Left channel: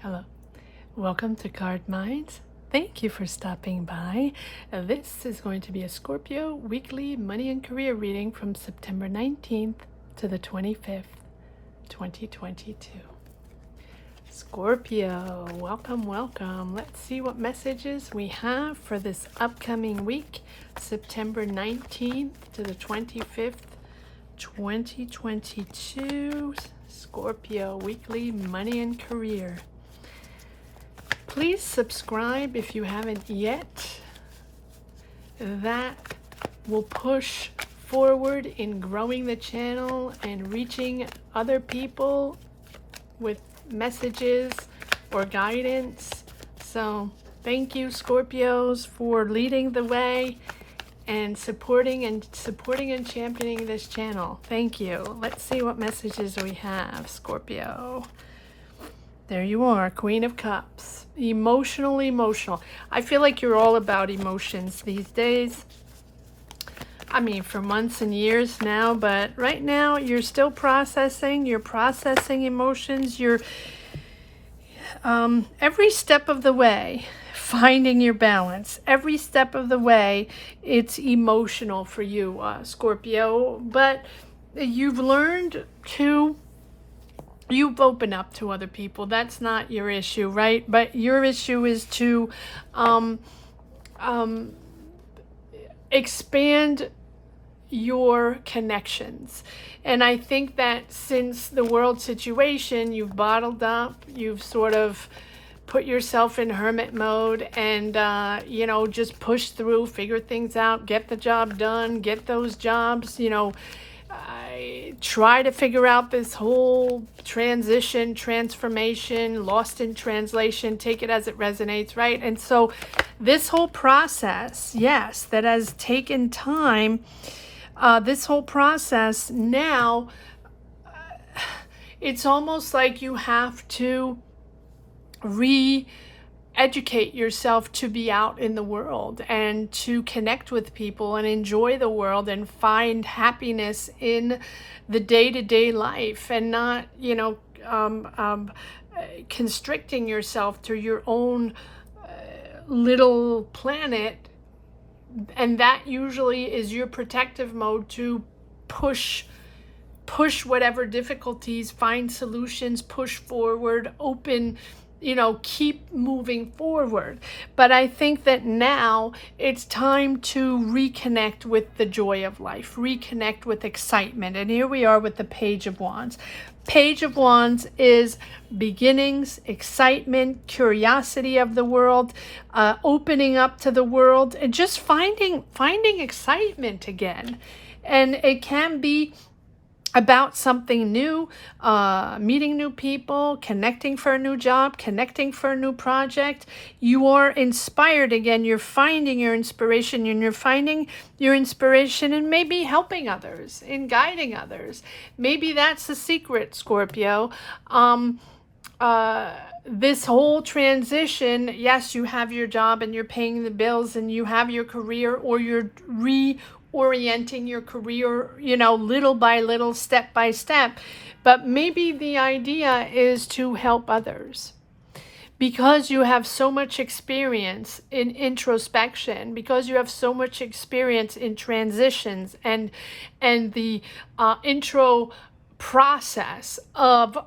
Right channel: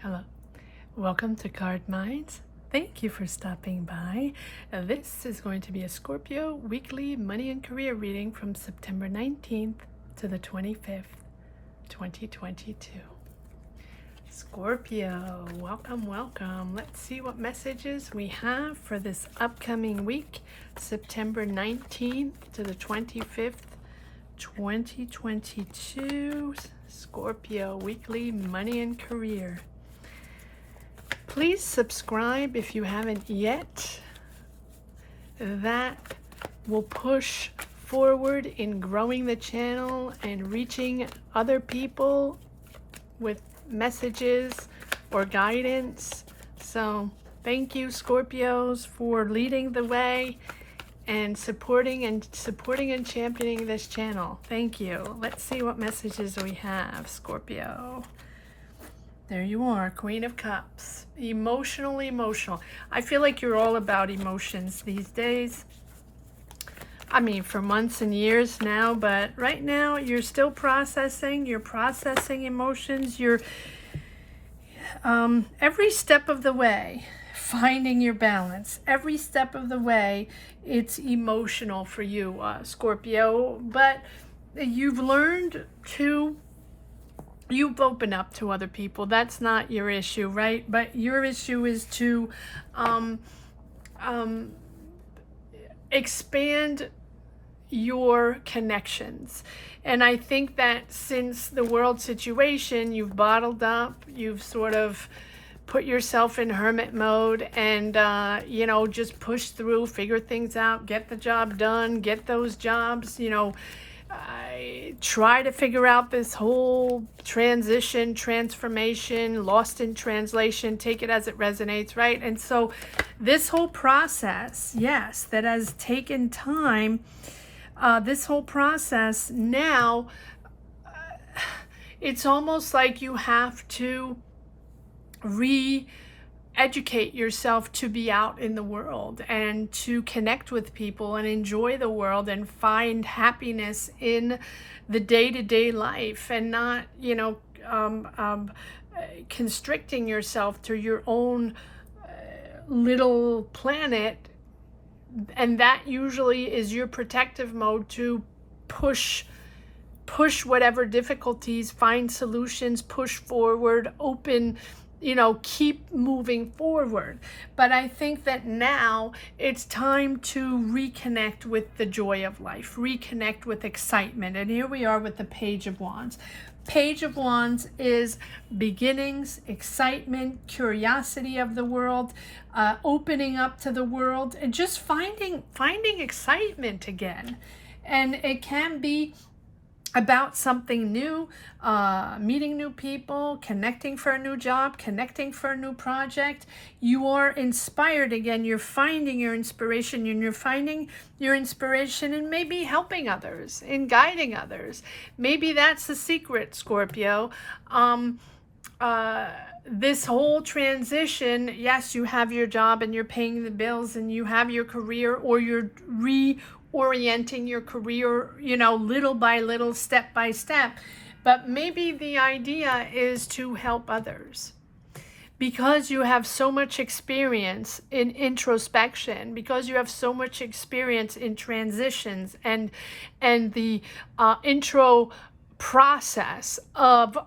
Hello, welcome to Card Minds. Thank you for stopping by. This is going to be a Scorpio weekly money and career reading from September 19th to the 25th, 2022. Scorpio, welcome, welcome. Let's see what messages we have for this upcoming week, September 19th to the 25th, 2022. Scorpio weekly money and career. Please subscribe if you haven't yet. That will push forward in growing the channel and reaching other people with messages or guidance. So thank you, Scorpios, for leading the way and supporting and championing this channel. Thank you. Let's see what messages we have, Scorpio. There you are, Queen of Cups. Emotional. I feel like you're all about emotions these days. I mean, for months and years now, but right now you're still processing. You're processing emotions. You're every step of the way finding your balance. Every step of the way, it's emotional for you, Scorpio. But you've learned to. You've opened up to other people. That's not your issue, right? But your issue is to expand your connections. And I think that since the world situation, you've bottled up, you've sort of put yourself in hermit mode and, just push through, figure things out, get the job done, get those jobs, I try to figure out this whole transformation, lost in translation, take it as it resonates, right? And so this whole process, yes, that has taken time, this whole process now, it's almost like you have to educate yourself to be out in the world and to connect with people and enjoy the world and find happiness in the day-to-day life and not, constricting yourself to your own little planet. And that usually is your protective mode to push whatever difficulties, find solutions, push forward, open, keep moving forward. But I think that now it's time to reconnect with the joy of life, reconnect with excitement. And here we are with the Page of Wands. Page of Wands is beginnings, excitement, curiosity of the world, opening up to the world, and just finding excitement again. And it can be about something new, meeting new people, connecting for a new job, connecting for a new project. You are inspired again. You're finding your inspiration, and you're finding your inspiration in maybe helping others, in guiding others. Maybe that's the secret, Scorpio. This whole transition, yes, you have your job and you're paying the bills and you have your career, or you're reorienting your career, little by little, step by step. But maybe the idea is to help others. Because you have so much experience in introspection, because you have so much experience in transitions and the intro process of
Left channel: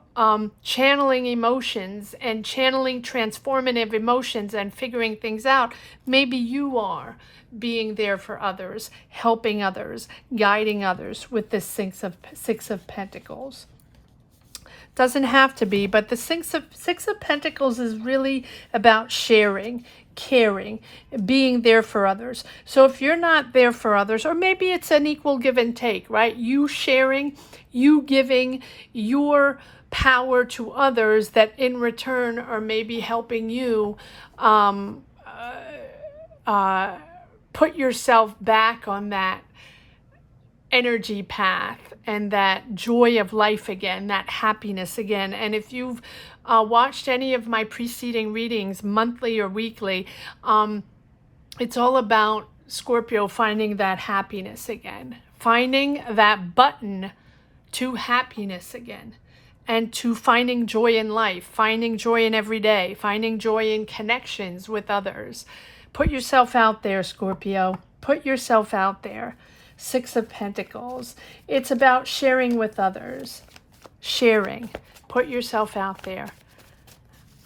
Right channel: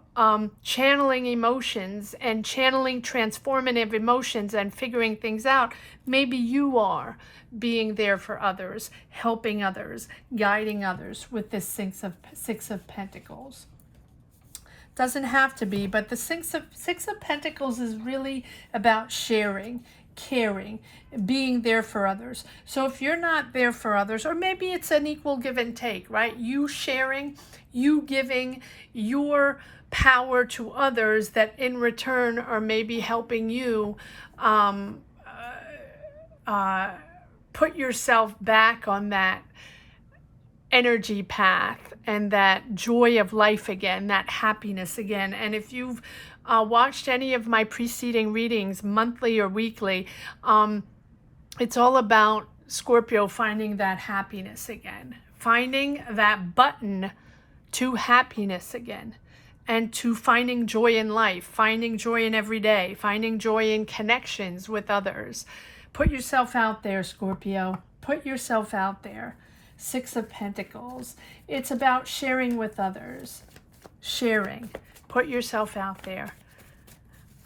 channeling emotions and channeling transformative emotions and figuring things out, maybe you are being there for others, helping others, guiding others with this Six of Pentacles. Doesn't have to be, but the Six of Pentacles is really about sharing, caring, being there for others. So if you're not there for others, or maybe it's an equal give and take, right? You sharing, you giving your power to others that in return are maybe helping you put yourself back on that energy path and that joy of life again, that happiness again. And if you've watched any of my preceding readings, monthly or weekly, it's all about Scorpio finding that happiness again, finding that button to happiness again. and to finding joy in life, finding joy in every day, finding joy in connections with others. Put yourself out there, Scorpio. Put yourself out there. Six of Pentacles. It's about sharing with others. Sharing. Put yourself out there.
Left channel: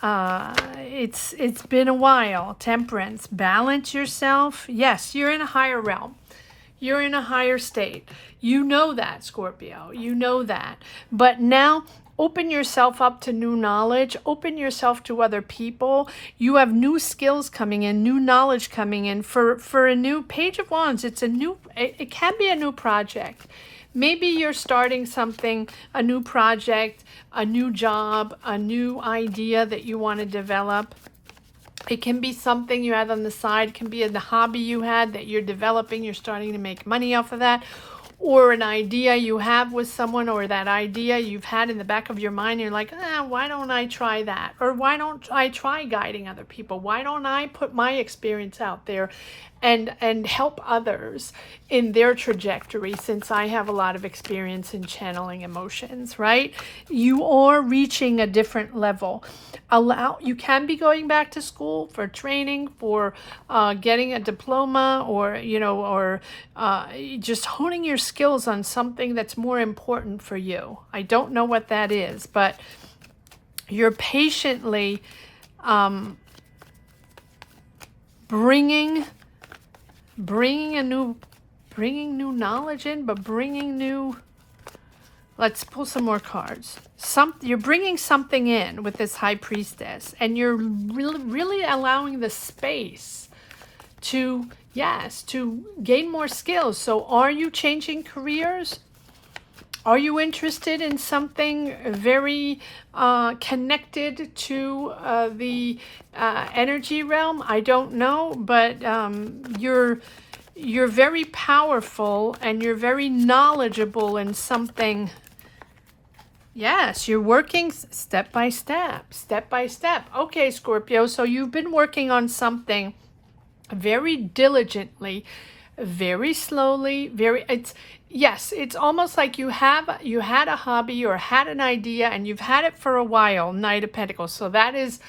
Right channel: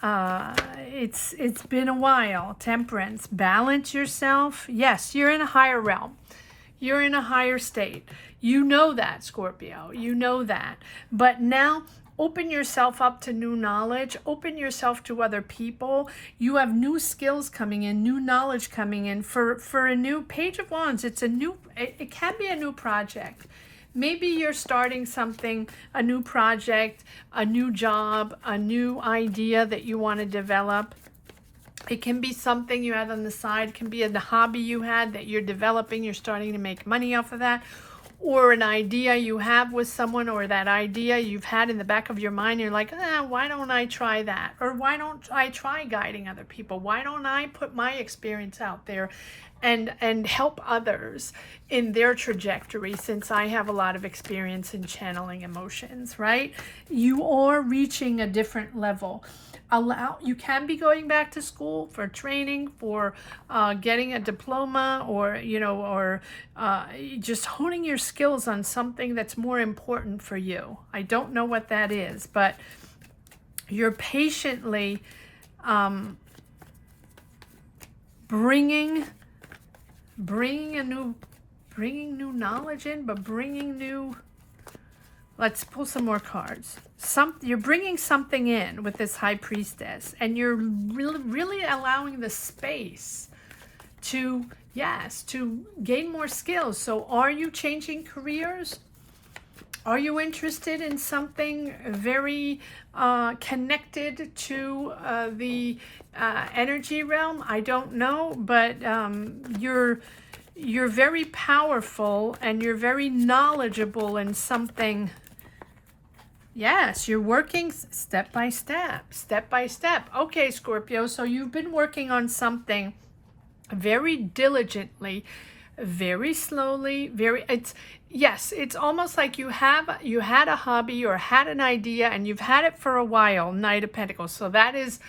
It's been a while. Temperance. Balance yourself. Yes, you're in a higher realm. You're in a higher state. You know that, Scorpio. You know that. But now, open yourself up to new knowledge. Open yourself to other people. You have new skills coming in, new knowledge coming in for a new Page of Wands. It can be a new project. Maybe you're starting something, a new project, a new job, a new idea that you want to develop. It can be something you had on the side. It can be a hobby you had that you're developing. You're starting to make money off of that. Or an idea you have with someone, or that idea you've had in the back of your mind. You're like, why don't I try that? Or why don't I try guiding other people? Why don't I put my experience out there and help others in their trajectory, since I have a lot of experience in channeling emotions, right? You are reaching a different level. You can be going back to school for training, for getting a diploma, or just honing your skills on something that's more important for you. I don't know what that is, but you're patiently bringing new knowledge in, but bringing new. Let's pull some more cards. You're bringing something in with this High Priestess, and you're really allowing the space to gain more skills. So are you changing careers? Are you interested in something very connected to the energy realm? I don't know, but you're very powerful, and you're very knowledgeable in something. Yes, you're working step by step. Okay, Scorpio, so you've been working on something very diligently, very slowly, it's almost like you had a hobby or had an idea, and you've had it for a while. Knight of Pentacles. So that is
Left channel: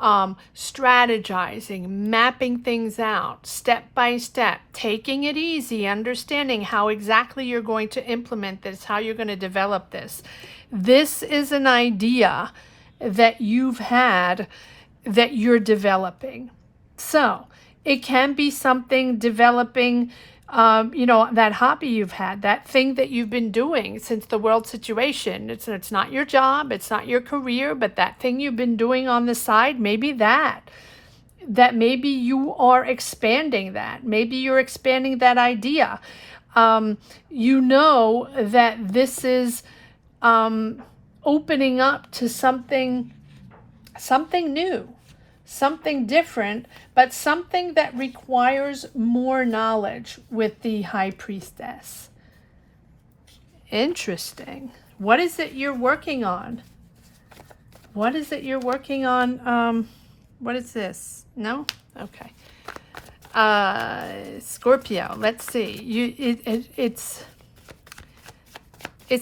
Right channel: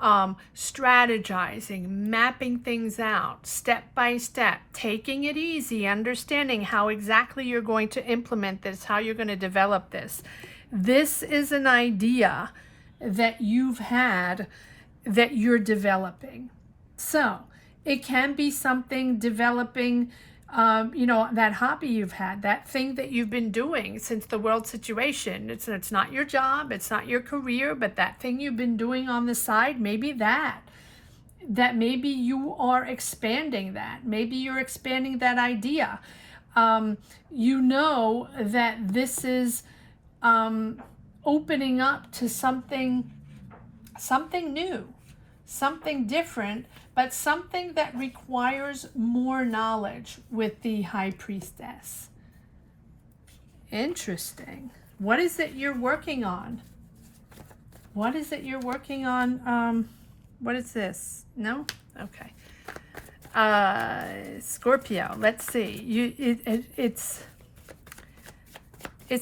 strategizing, mapping things out step by step, taking it easy, understanding how exactly you're going to implement this, how you're going to develop this. This is an idea that you've had that you're developing. So it can be something developing, that hobby you've had, that thing that you've been doing since the world situation. It's not your job, it's not your career, but that thing you've been doing on the side, maybe that maybe you are expanding that. Maybe you're expanding that idea. You know that this is opening up to something new, something different, but something that requires more knowledge with the High Priestess. Interesting. What is it you're working on? What is it you're working on? What is this? No? Okay. Scorpio, let's see. It's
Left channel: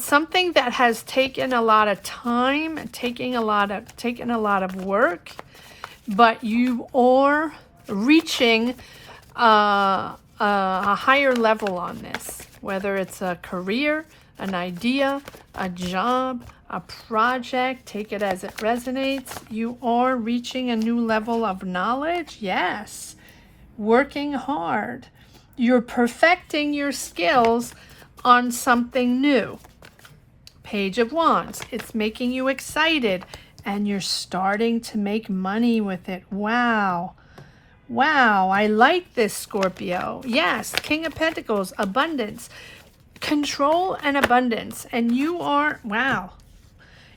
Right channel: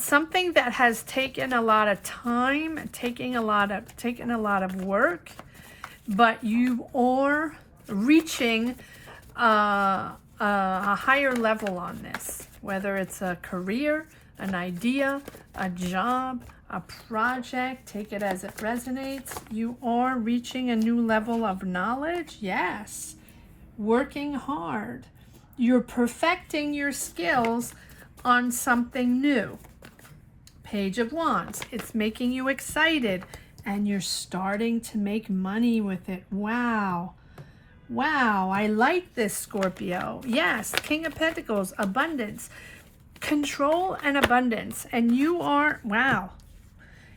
something that has taken a lot of time, taken a lot of work, but you are reaching a higher level on this, whether it's a career, an idea, a job, a project. Take it as it resonates. You are reaching a new level of knowledge. Yes. Working hard. You're perfecting your skills on something new. Page of Wands. It's making you excited, and you're starting to make money with it. Wow. Wow, I like this, Scorpio. Yes, King of Pentacles, abundance, control and abundance. And you are, wow.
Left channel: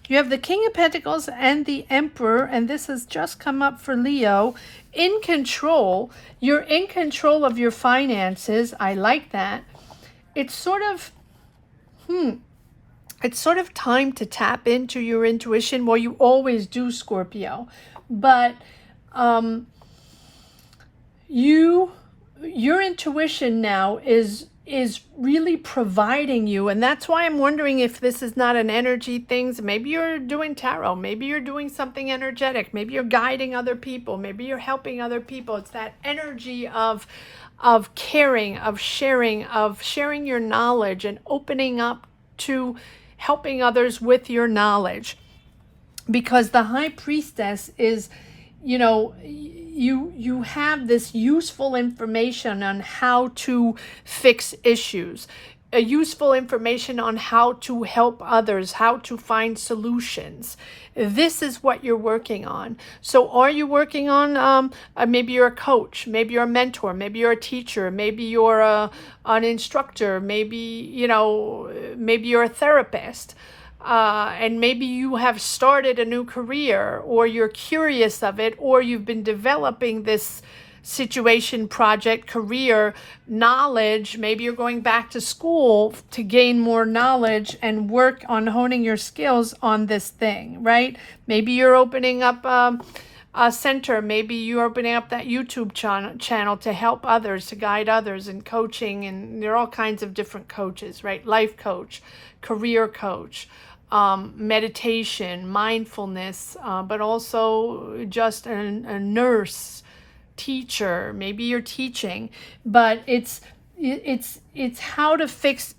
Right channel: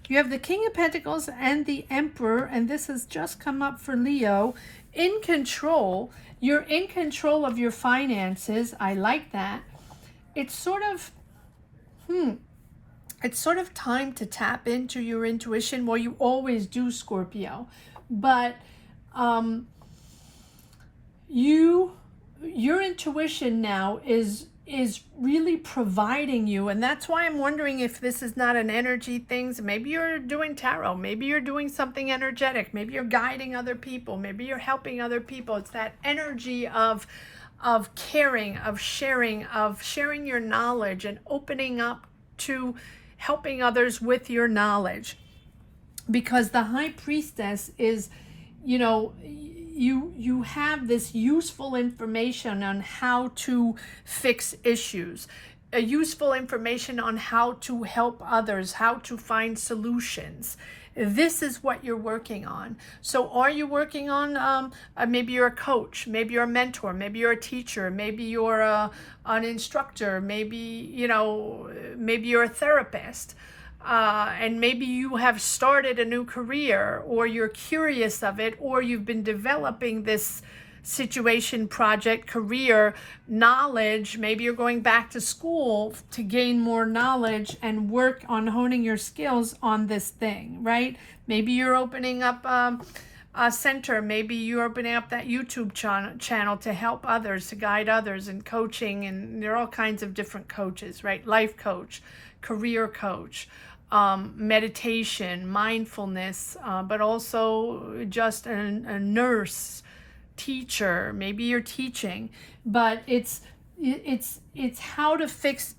You have the King of Pentacles and the Emperor, and this has just come up for Leo. In control. You're in control of your finances. I like that. It's sort of, it's sort of time to tap into your intuition. Well, you always do, Scorpio. But your intuition now is is really providing you. And that's why I'm wondering if this is not an energy thing. Maybe you're doing tarot, maybe you're doing something energetic, maybe you're guiding other people, maybe you're helping other people. It's that energy of caring, of sharing your knowledge and opening up to helping others with your knowledge. Because the High Priestess is, you know, you have this useful information on how to fix issues, useful information on how to help others, how to find solutions. This is what you're working on. So are you working on, maybe you're a coach, maybe you're a mentor, maybe you're a teacher, maybe you're an instructor, maybe, you know, maybe you're a therapist. And maybe you have started a new career, or you're curious of it, or you've been developing this situation, project, career, knowledge. Maybe you're going back to school to gain more knowledge and work on honing your skills on this thing, right? Maybe you're opening up a center. Maybe you're opening up that YouTube channel to help others, to guide others in coaching. And there are all kinds of different coaches, right? Life coach, career coach, meditation, mindfulness, but also just a nurse, teacher. Maybe you're teaching, but it's how to fix.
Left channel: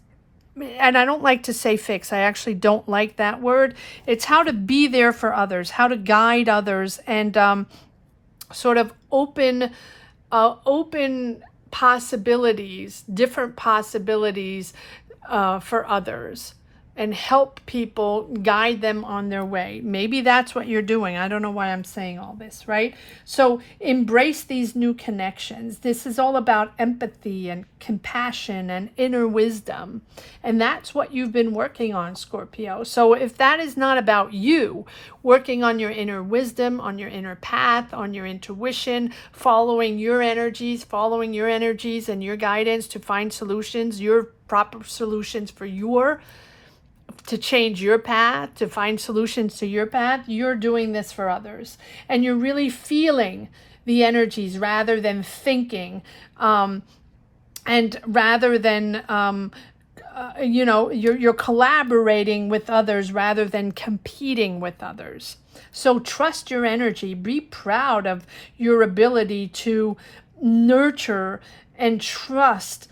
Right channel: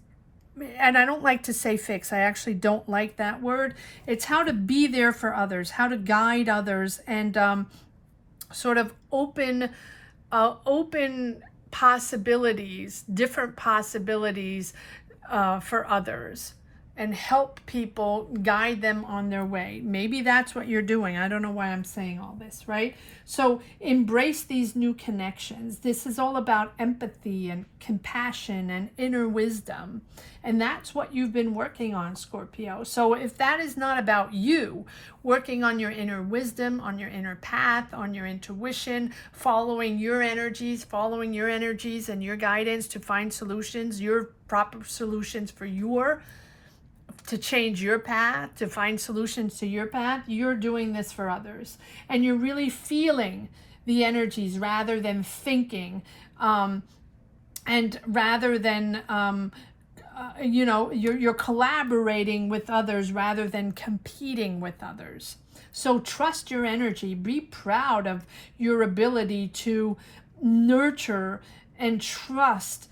And I don't like to say fix. I actually don't like that word. It's how to be there for others, how to guide others, and sort of open possibilities, different possibilities for others, and help people, guide them on their way. Maybe that's what you're doing. I don't know why I'm saying all this, right? So embrace these new connections. This is all about empathy and compassion and inner wisdom. And that's what you've been working on, Scorpio. So if that is not about you, working on your inner wisdom, on your inner path, on your intuition, following your energies and your guidance to find solutions, your proper solutions for to change your path, to find solutions to your path, you're doing this for others. And you're really feeling the energies rather than thinking, and rather than, you know, you're collaborating with others rather than competing with others. So trust your energy. Be proud of your ability to nurture and trust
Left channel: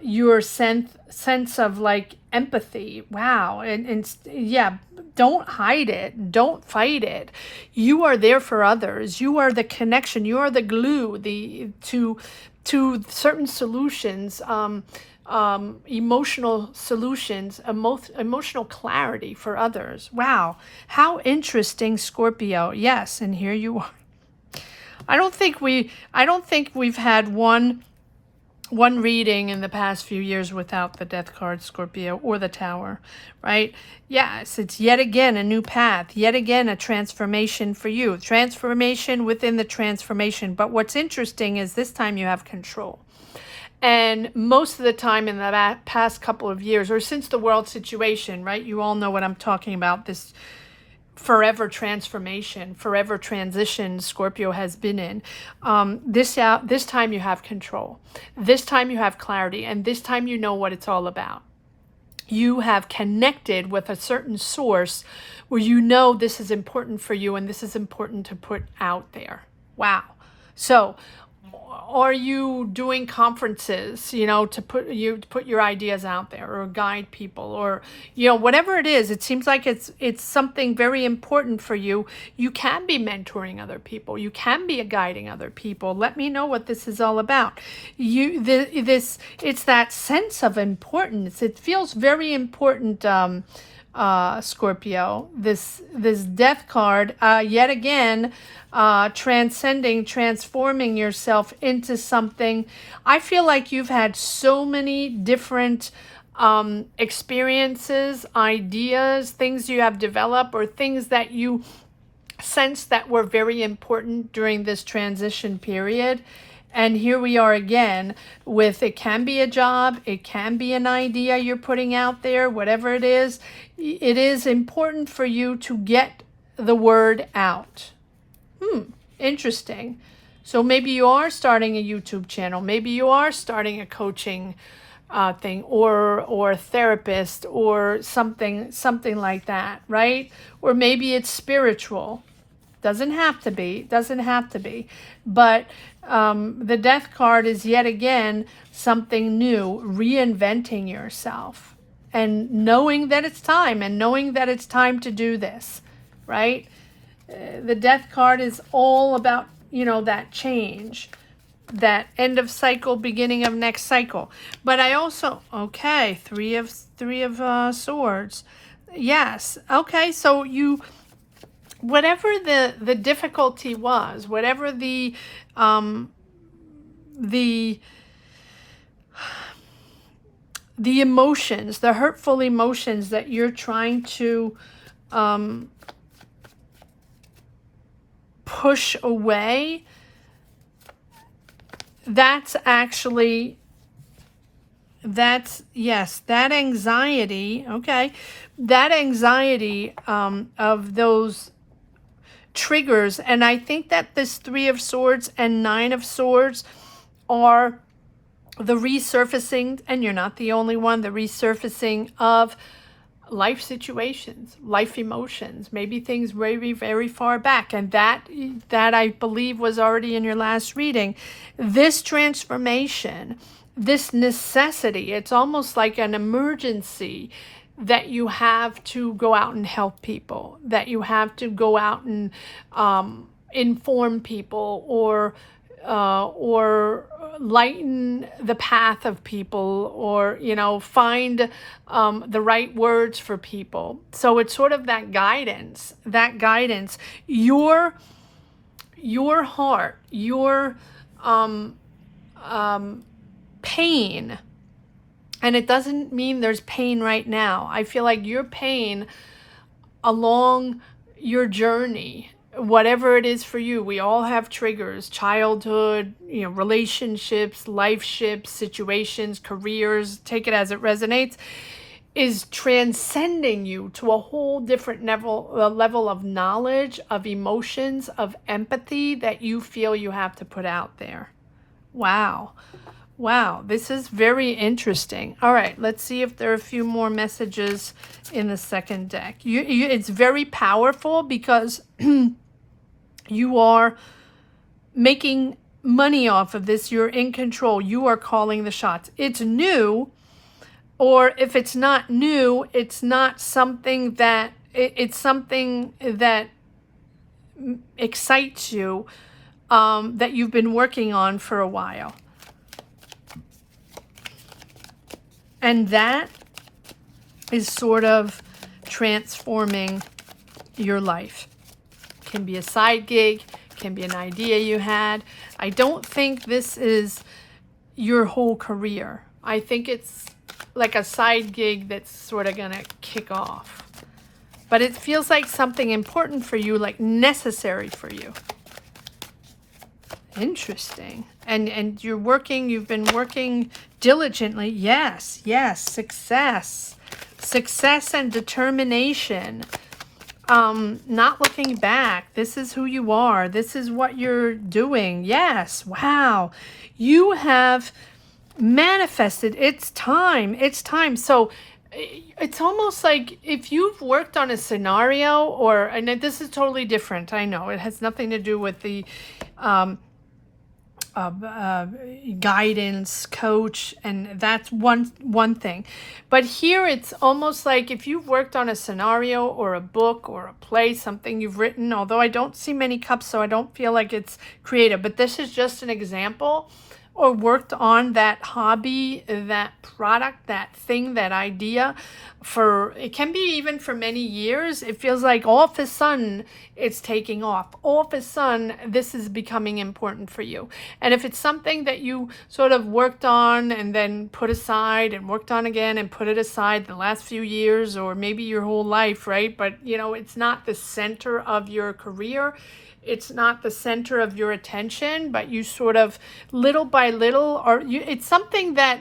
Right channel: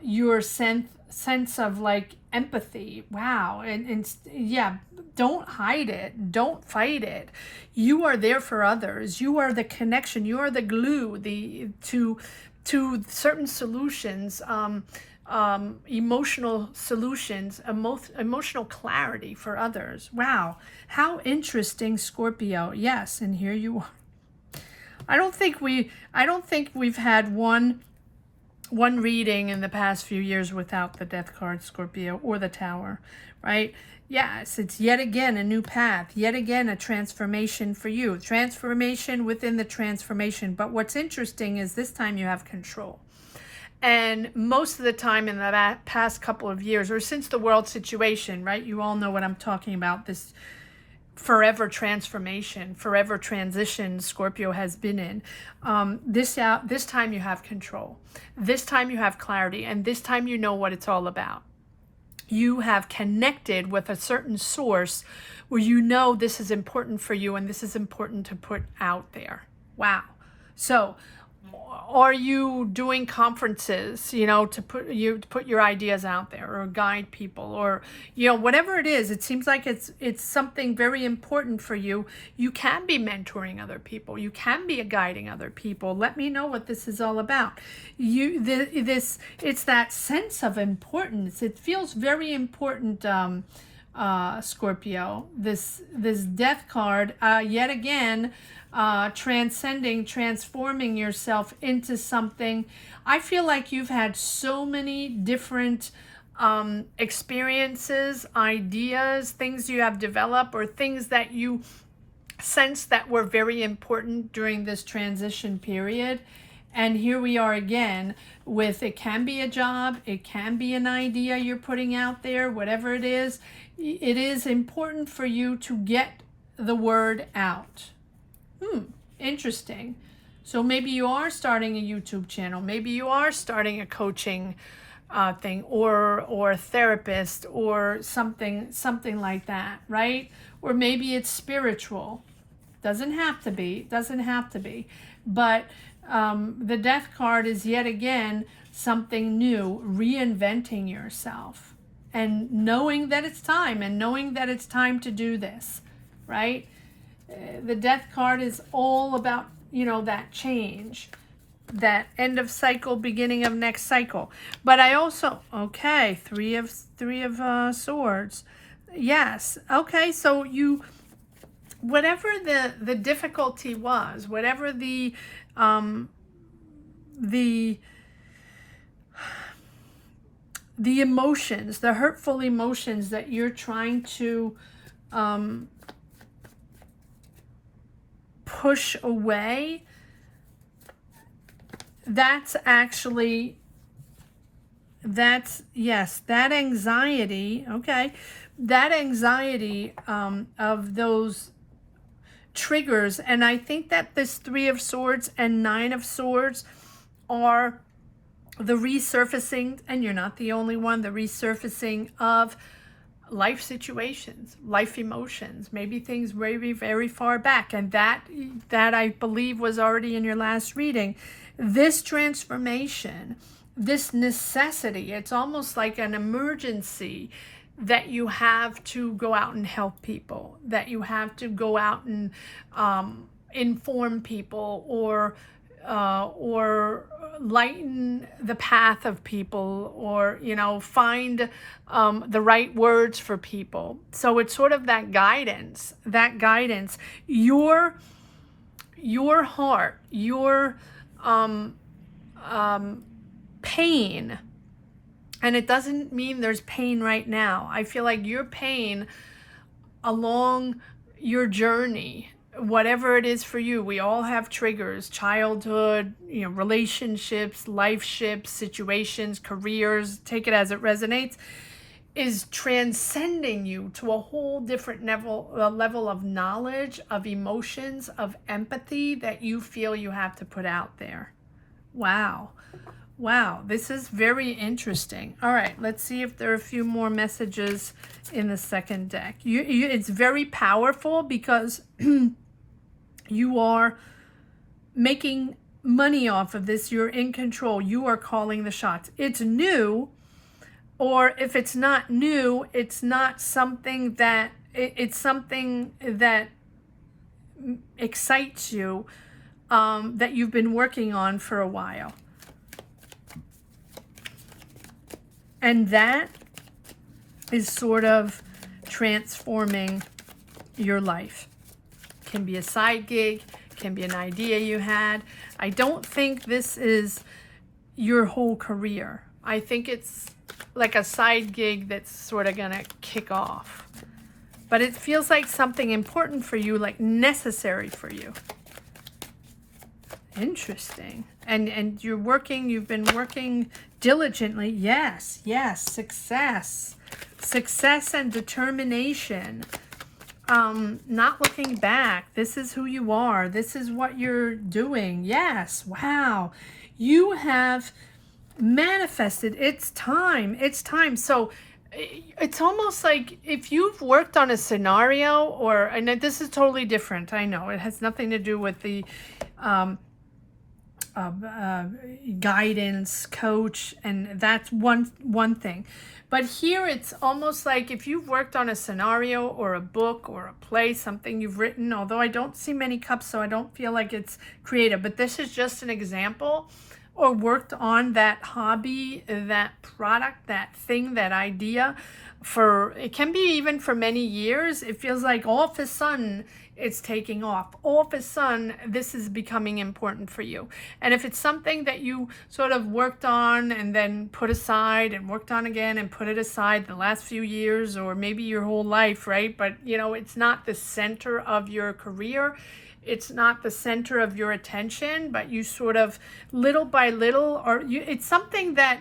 your sense of like empathy. Wow. And yeah, don't hide it. Don't fight it. You are there for others. You are the connection. You are the glue to certain solutions, emotional solutions, emotional clarity for others. Wow. How interesting, Scorpio. Yes. And here you are. I don't think we've had one reading in the past few years without the Death card, Scorpio, or the Tower, right? Yes, it's yet again a new path, yet again a transformation for you, transformation within the transformation. But what's interesting is this time you have control. And most of the time in the past couple of years, or since the world situation, right? You all know what I'm talking about, this forever transformation, forever transition Scorpio has been in. This time you have control. This time you have clarity, and this time you know what it's all about. You have connected with a certain source where you know this is important for you and this is important to put out there. Wow. So are you doing conferences, you know, to put your ideas out there, or guide people, or, you know, whatever it is? It seems like it's something very important for you. You can be mentoring other people. You can be guiding other people. Let me know what this is all about. It's that sense of importance. It feels very important, Scorpio. This Death card, yet again, transforming yourself into something. I feel like you've had so many different experiences, ideas, things you have developed, or things that you sense that were very important during this transition period. And here we are again with, it can be a job, it can be an idea you're putting out there, whatever it is important for you to get the word out. Interesting. So maybe you are starting a YouTube channel. Maybe you are starting a coaching thing, or therapist, or something like that, right? Or maybe it's spiritual. Doesn't have to be, but the Death card is yet again something new, reinventing yourself, and knowing that it's time to do this, right? The Death card is all about, that change, that end of cycle, beginning of next cycle. But I also, okay, three of swords. Yes. Okay. So whatever the difficulty was, whatever the emotions, the hurtful emotions that you're trying to push away, that anxiety, okay, that anxiety of those triggers. And I think that this Three of Swords and Nine of Swords are the resurfacing, and you're not the only one, the resurfacing of life situations, life emotions, maybe things very, very far back. And that I believe was already in your last reading. This transformation, this necessity, it's almost like an emergency that you have to go out and help people, that you have to go out and inform people, or lighten the path of people, or find the right words for people. So it's sort of that guidance, your heart, your pain. And it doesn't mean there's pain right now. I feel like your pain along your journey, whatever it is for you, we all have triggers: childhood, relationships, life shifts, situations, careers, take it as it resonates, is transcending you to a whole different level of knowledge, of emotions, of empathy that you feel you have to put out there. Wow, this is very interesting. All right, let's see if there are a few more messages in the second deck. It's very powerful because you are making money off of this. You're in control. You are calling the shots. It's new, or if it's not new, it's not something that, it's something that excites you, that you've been working on for a while. And that is sort of transforming your life. Can be a side gig, can be an idea you had. I don't think this is your whole career. I think it's like a side gig that's sort of gonna kick off. But it feels like something important for you, like necessary for you. Interesting. And you've been working diligently. Yes, success and determination. Not looking back. This is who you are. This is what you're doing. Yes. Wow. You have manifested. It's time. So it's almost like if you've worked on a scenario, and this is totally different. I know it has nothing to do with the guidance coach, and that's one thing. But here it's almost like if you've worked on a scenario or a book or a play, something you've written, although I don't see many cups, so I don't feel like it's creative, but this is just an example, or worked on that hobby, that product, that thing, that idea it can be even for many years. It feels like all of a sudden it's taking off. All of a sudden this is becoming important for you. And if it's something that you sort of worked on and then put aside and worked on again and put it aside the last few years, or maybe your whole life, right? But it's not the center of your career. It's not the center of your attention, but you sort of little by little, it's something that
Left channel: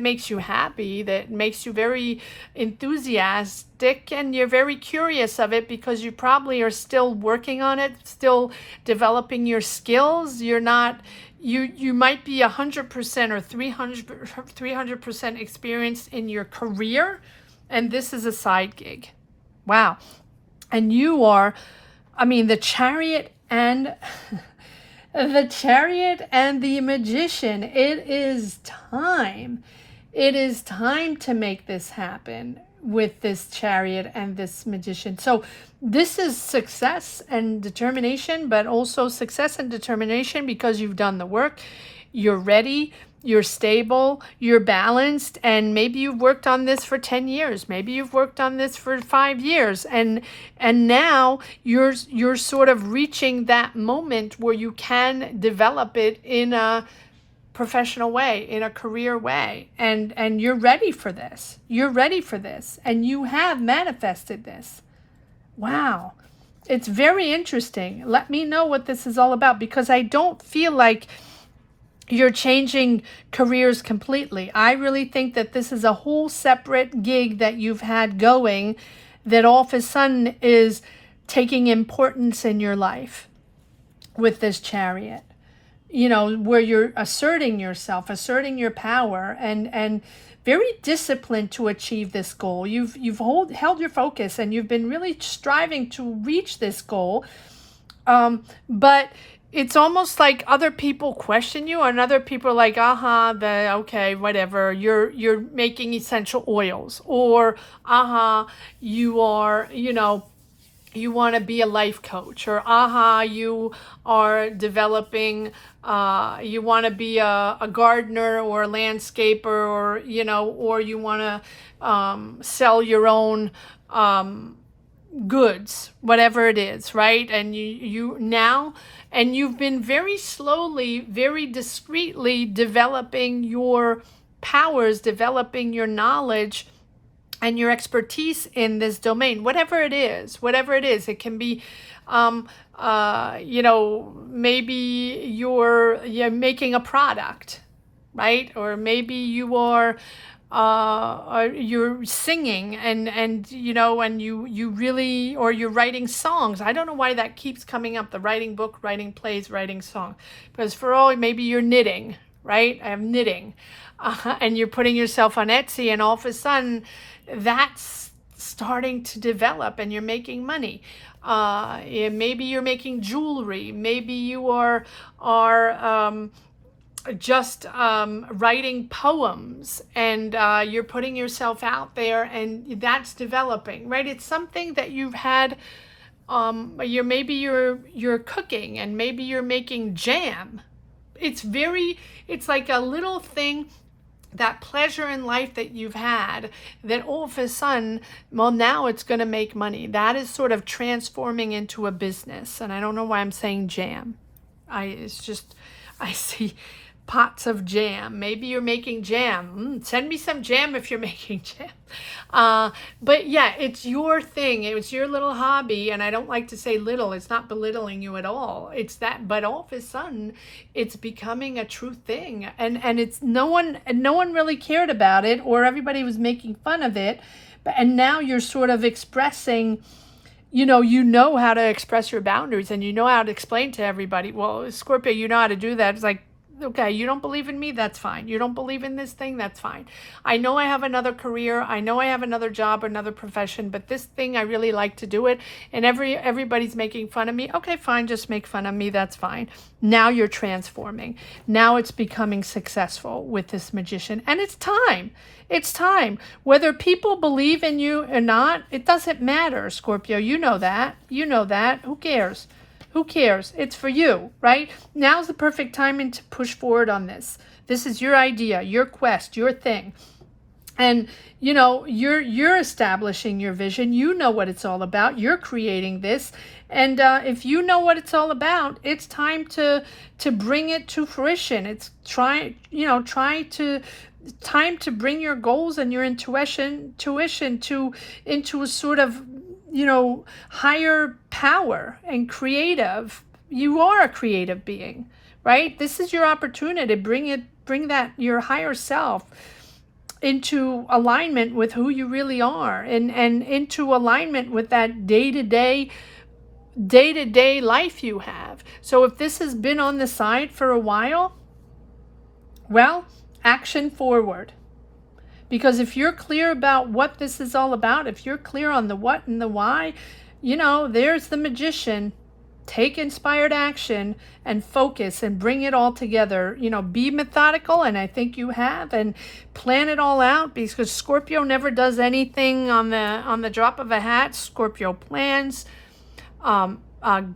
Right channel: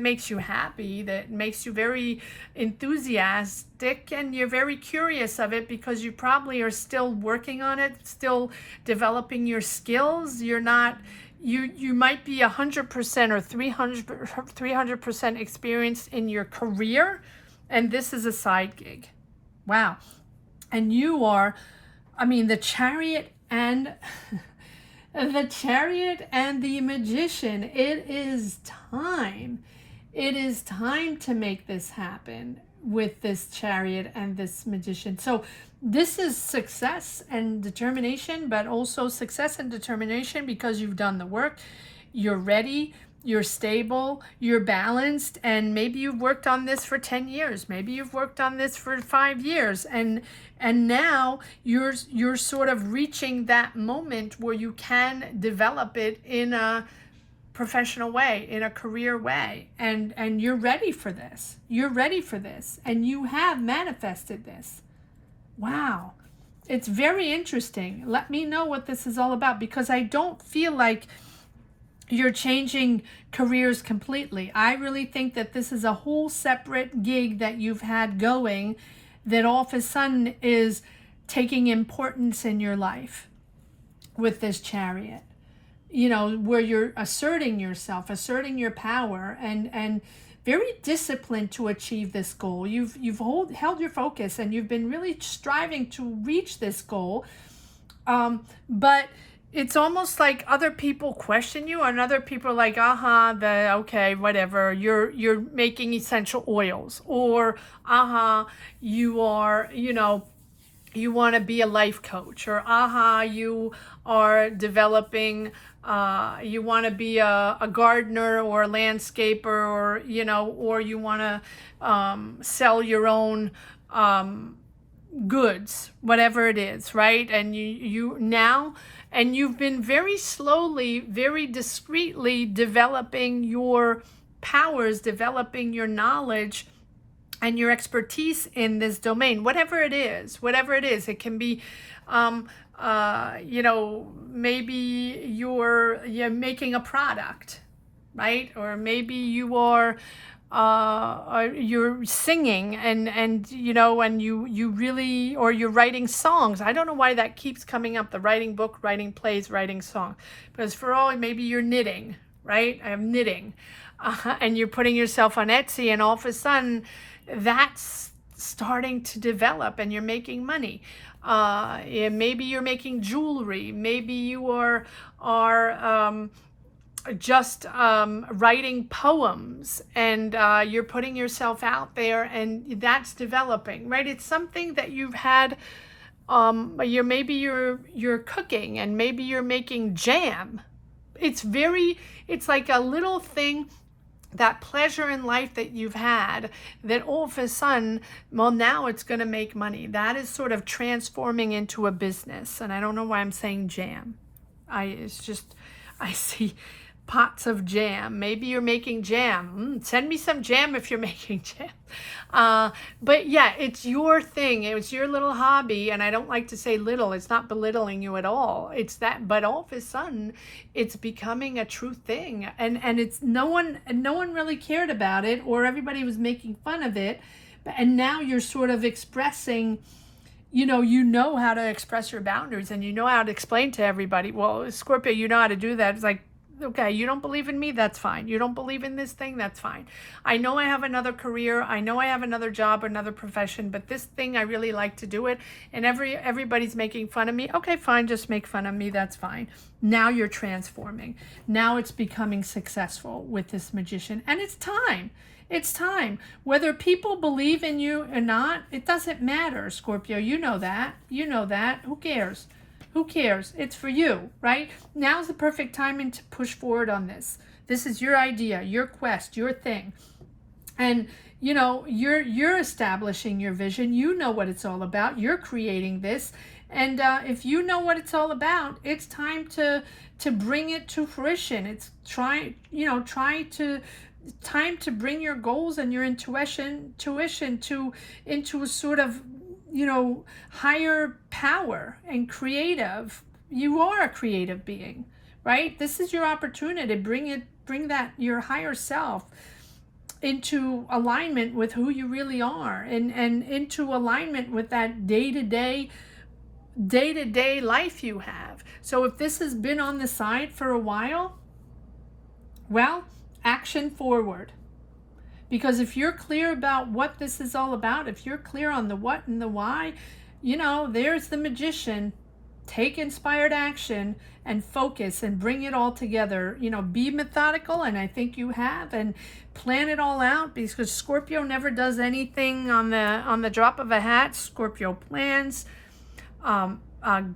makes you happy, that makes you very enthusiastic, and you're very curious of it because you probably are still working on it, still developing your skills. You're not you might be 100% or 300% experienced in your career, and this is a side gig. Wow. And you are, I mean, the Chariot and the Chariot and the Magician. It is time. It is time to make this happen with this Chariot and this Magician. So this is success and determination, but also success and determination because you've done the work, you're ready, you're stable, you're balanced, and maybe you've worked on this for 10 years, maybe you've worked on this for 5 years, and now you're sort of reaching that moment where you can develop it in a professional way, in a career way, and you're ready for this. You're ready for this, and you have manifested this. Wow. It's very interesting. Let me know what this is all about, because I don't feel like you're changing careers completely. I really think that this is a whole separate gig that you've had going that all of a sudden is taking importance in your life with this Chariot. You know, where you're asserting yourself, asserting your power, and very disciplined to achieve this goal. You've held your focus, and you've been really striving to reach this goal. But it's almost like other people question you, and other people are like, okay, whatever. You're making essential oils, or you are, you want to be a life coach, or you are developing, you want to be a gardener or a landscaper, or or you want to sell your own goods, whatever it is, right? And you've been very slowly, very discreetly developing your powers, developing your knowledge and your expertise in this domain, whatever it is. It can be, maybe you're making a product, right? Or maybe you are, you're singing and you really, or you're writing songs. I don't know why that keeps coming up, the writing book, writing plays, writing song, because maybe you're knitting, right? I have knitting, and you're putting yourself on Etsy, and all of a sudden that's starting to develop and you're making money. Maybe you're making jewelry. Maybe you are just writing poems, and you're putting yourself out there, and that's developing, right? It's something that you've had. Maybe you're cooking, and maybe you're making jam. It's like a little thing, that pleasure in life that you've had, that all of a sudden, now it's going to make money. That is sort of transforming into a business. And I don't know why I'm saying jam. I see pots of jam. Maybe you're making jam. Send me some jam if you're making jam. But yeah, it's your thing. It's your little hobby. And I don't like to say little. It's not belittling you at all. It's that, but all of a sudden it's becoming a true thing. And it's no one really cared about it, or everybody was making fun of it. And now you're sort of expressing, you know how to express your boundaries, and you know how to explain to everybody, well, Scorpio, you know how to do that. It's like, okay, you don't believe in me? That's fine. You don't believe in this thing? That's fine. I know I have another career. I know I have another job, another profession, but this thing, I really like to do it. And everybody's making fun of me. Okay, fine. Just make fun of me. That's fine. Now you're transforming. Now it's becoming successful with this Magician. And it's time. It's time. Whether people believe in you or not, it doesn't matter, Scorpio. You know that. Who cares? Who cares? It's for you, right? Now's the perfect timing to push forward on this. This is your idea, your quest, your thing. And, you're establishing your vision. You know what it's all about. You're creating this. And if you know what it's all about, it's time to bring it to fruition. It's time to bring your goals and your intuition into a sort of higher power and creative. You are a creative being, right? This is your opportunity to bring that, your higher self, into alignment with who you really are, and into alignment with that day-to-day day-to-day life you have. So if this has been on the side for a while, well, action forward. Because if you're clear about what this is all about, if you're clear on the what and the why, you know, there's the magician. Take inspired action and focus and bring it all together. You know, be methodical, and I think you have, and plan it all out, because Scorpio never does anything on the drop of a hat. Scorpio plans,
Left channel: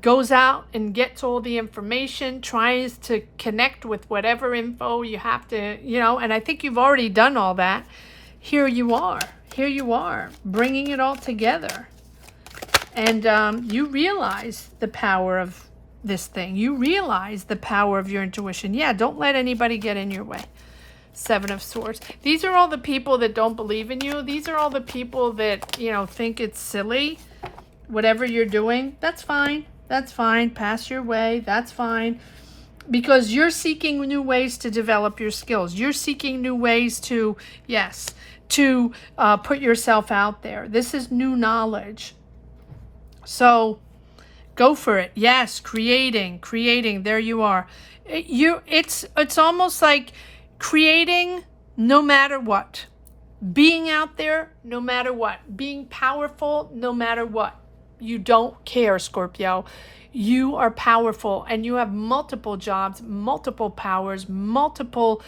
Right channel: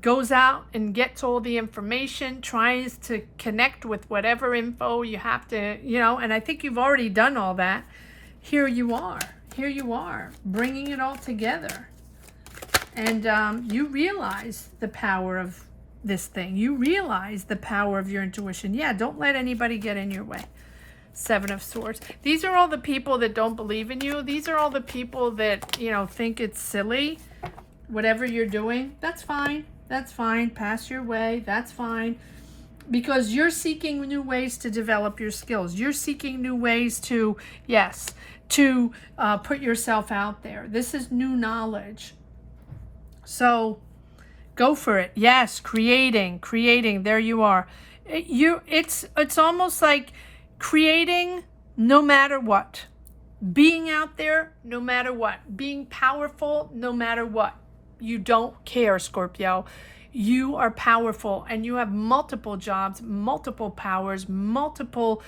goes out and gets all the information, tries to connect with whatever info you have to, you know, and I think you've already done all that. Here you are, bringing it all together. And you realize the power of this thing. You realize the power of your intuition. Yeah, don't let anybody get in your way. Seven of Swords. These are all the people that don't believe in you. These are all the people that, you know, think it's silly. Whatever you're doing, that's fine. That's fine. Pass your way. That's fine. Because you're seeking new ways to develop your skills. You're seeking new ways to, yes, to put yourself out there. This is new knowledge. So go for it. Yes, creating. There you are. It's almost like creating no matter what. Being out there no matter what. Being powerful no matter what. You don't care, Scorpio. You are powerful, and you have multiple jobs, multiple powers, multiple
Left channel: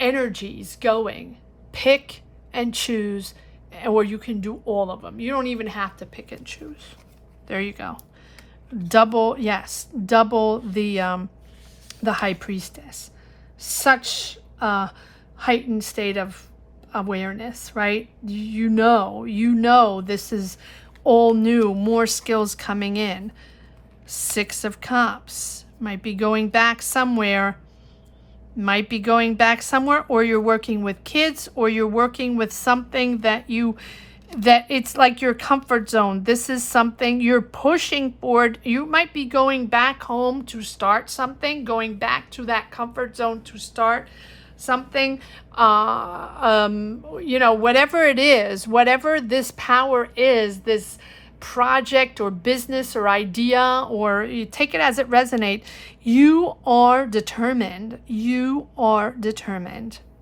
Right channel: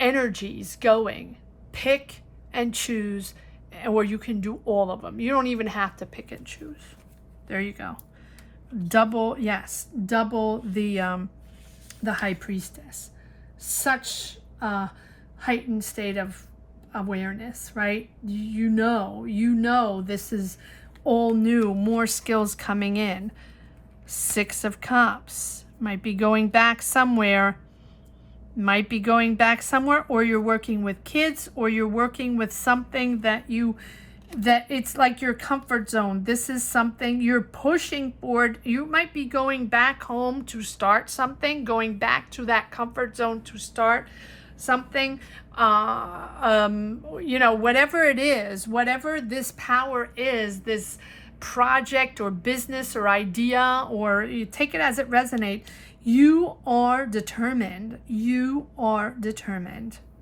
energies going. Pick and choose, or you can do all of them. You don't even have to pick and choose. There you go. Double the High Priestess. Such a heightened state of awareness, right? You know this is all new, more skills coming in. Six of Cups. Might be going back somewhere. Or you're working with kids, or you're working with something that it's like your comfort zone. This is something you're pushing forward. You might be going back home to start something, going back to that comfort zone to start something. You know, whatever it is, whatever this power is, this project or business or idea, or you take it as it resonates, you are determined.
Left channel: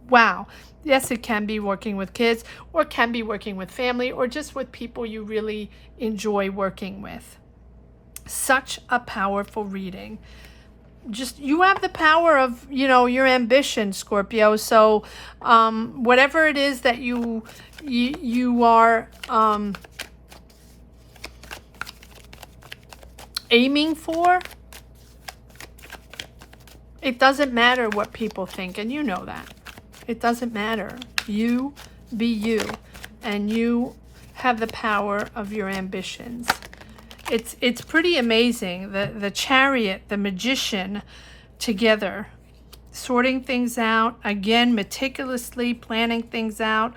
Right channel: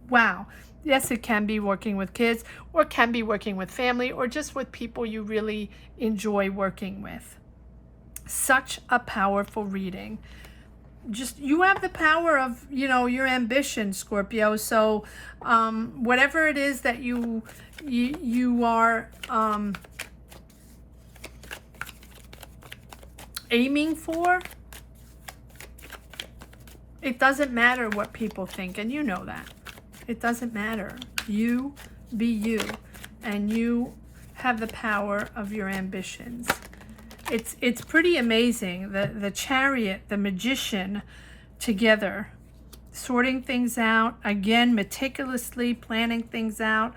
Wow. Yes, it can be working with kids, or it can be working with family, or just with people you really enjoy working with. Such a powerful reading. Just, you have the power of, you know, your ambition, Scorpio. So whatever it is that you are aiming for, it doesn't matter what people think, and you know that. It doesn't matter. You be you, and you have the power of your ambitions. It's pretty amazing. The Chariot, the Magician together, sorting things out, again, meticulously planning things out,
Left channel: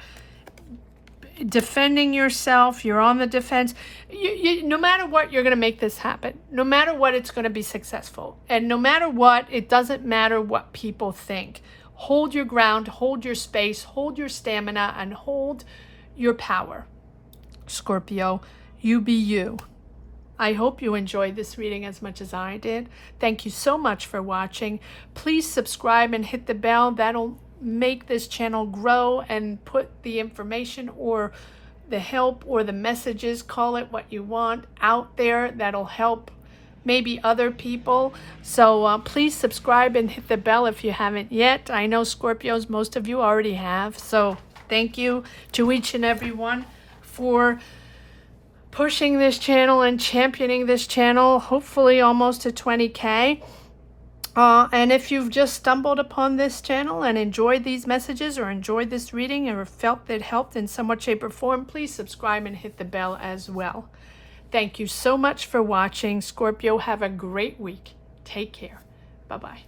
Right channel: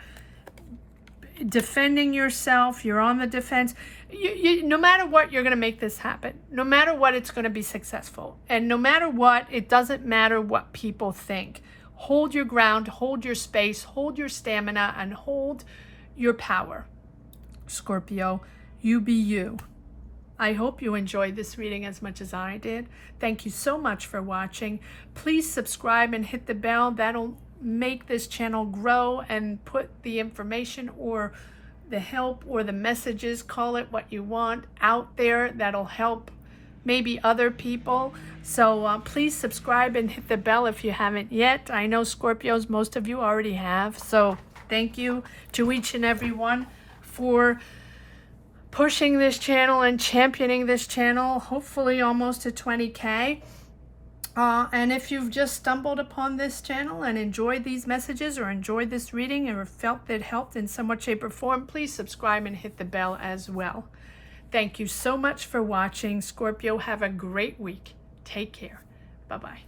defending yourself. You're on the defense. No matter what, you're going to make this happen. No matter what, it's going to be successful. And no matter what, it doesn't matter what people think. Hold your ground, hold your space, hold your stamina, and hold your power. Scorpio, you be you. I hope you enjoyed this reading as much as I did. Thank you so much for watching. Please subscribe and hit the bell. That'll make this channel grow and put the information or the help or the messages, call it what you want, out there that'll help maybe other people. So please subscribe and hit the bell if you haven't yet. I know Scorpios, most of you already have. So thank you to each and every one for pushing this channel and championing this channel, hopefully almost to 20K. And if you've just stumbled upon this channel and enjoyed these messages or enjoyed this reading or felt that it helped in some way, shape, or form, please subscribe and hit the bell as well. Thank you so much for watching. Scorpio, have a great week. Take care. Bye-bye.